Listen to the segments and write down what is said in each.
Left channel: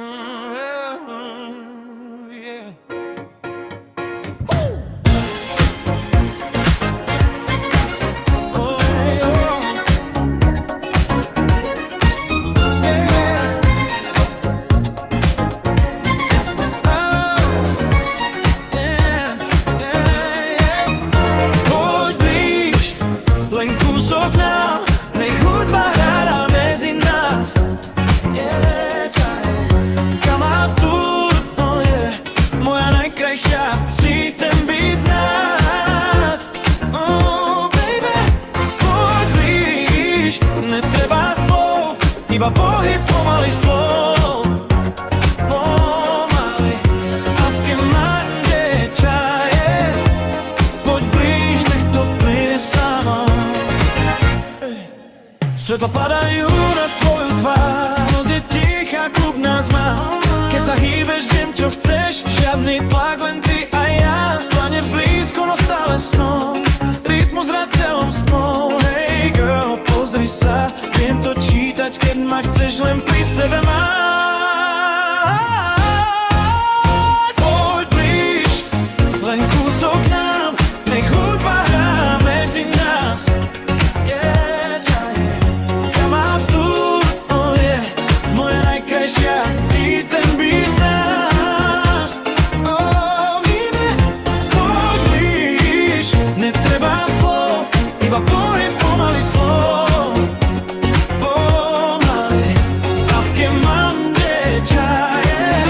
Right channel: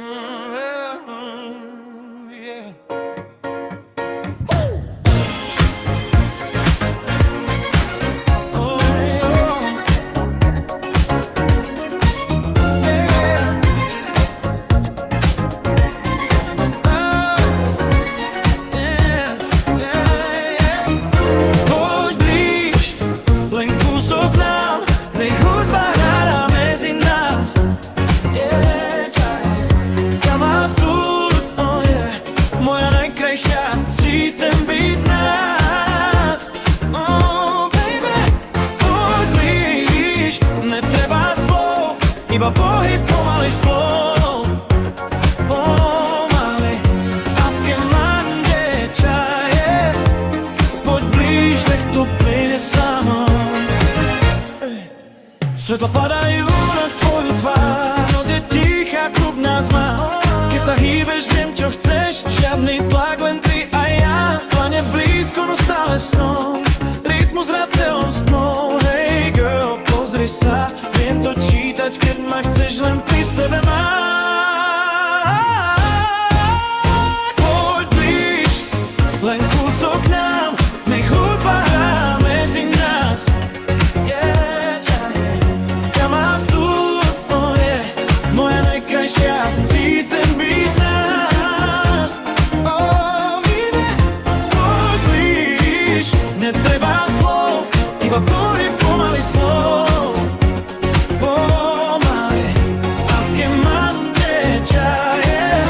Yeah. Oh, yeah. Poď blíž, len kúsok nám, nech hudba hrá medzi nás. Kam má vtúr, oh yeah, moja najkrajšia, si ten byt nás. Oh baby, poď blíž, netreba slov, iba pohyb pomaly slov. Pomaly, a v kemande čaje, poď blíž, nech to plyne samo. Svetla padajú na tvoju tvár, noc je tichá, klub nás má. Keď sa hýbeš, viem, čo chceš, žiadny tlak, len ty a ja. Plane blízko, no stále snom, rytmus ratelom stmou. Hey girl, pozri sa, viem to čítať, keď ma chceš len pri sebe mať. Poď blíž, len kúsok nám, nech hudba hrá medzi nás. Moja najkrajšia, si ten byt nás. Oh, baby, poď blíž, netreba slov, iba pohyb pomaly slov. Pomaly, a v kemande čaje,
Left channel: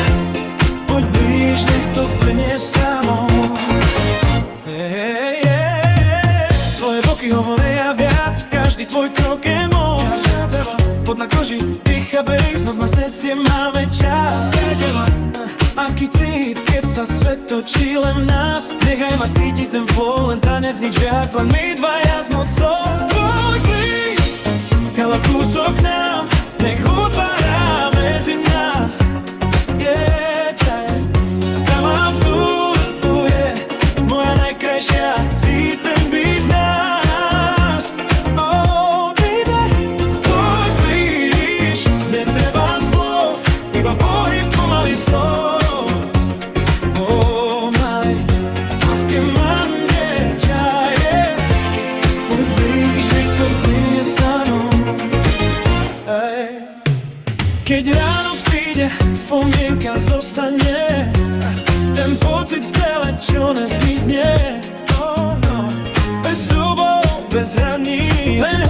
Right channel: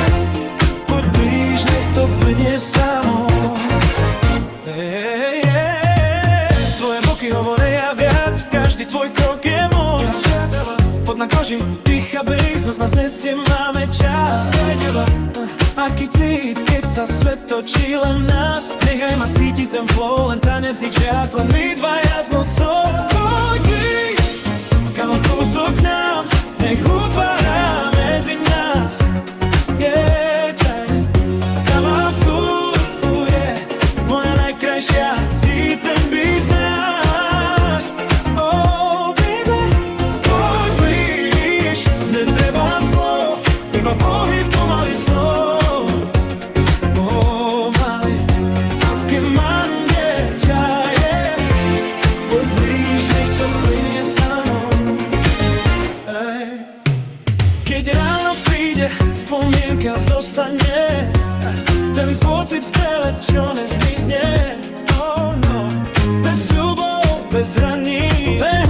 poď blíž, nech to plynie samo. Hey, hey, tvoje boky hovoria viac, každý tvoj krok je moc. Pod na koži, tichá bass, noc nás nesie, máme čas. Aký cít, keď sa svet točí len v nás. Nechaj ma cítiť ten flow, len tanec, nič viac, len my dvaja s nocou. Poď blíž, kala kúsok nám, nech hudba hrá medzi nás. Yeah, čaj, tam mám tu, yeah, moja najkrajšia, si ten byt nás. Oh baby, poď blíž, netreba slov, iba pohyb pomaly slov. Pomaly, a v kemande čaje, poď blíž, nech to plynie samo. Ej. Keď ráno príde, spomienka zostane, ten pocit v tele, čo nezmizne. Oh no, bez sľubov, bez hraníc, len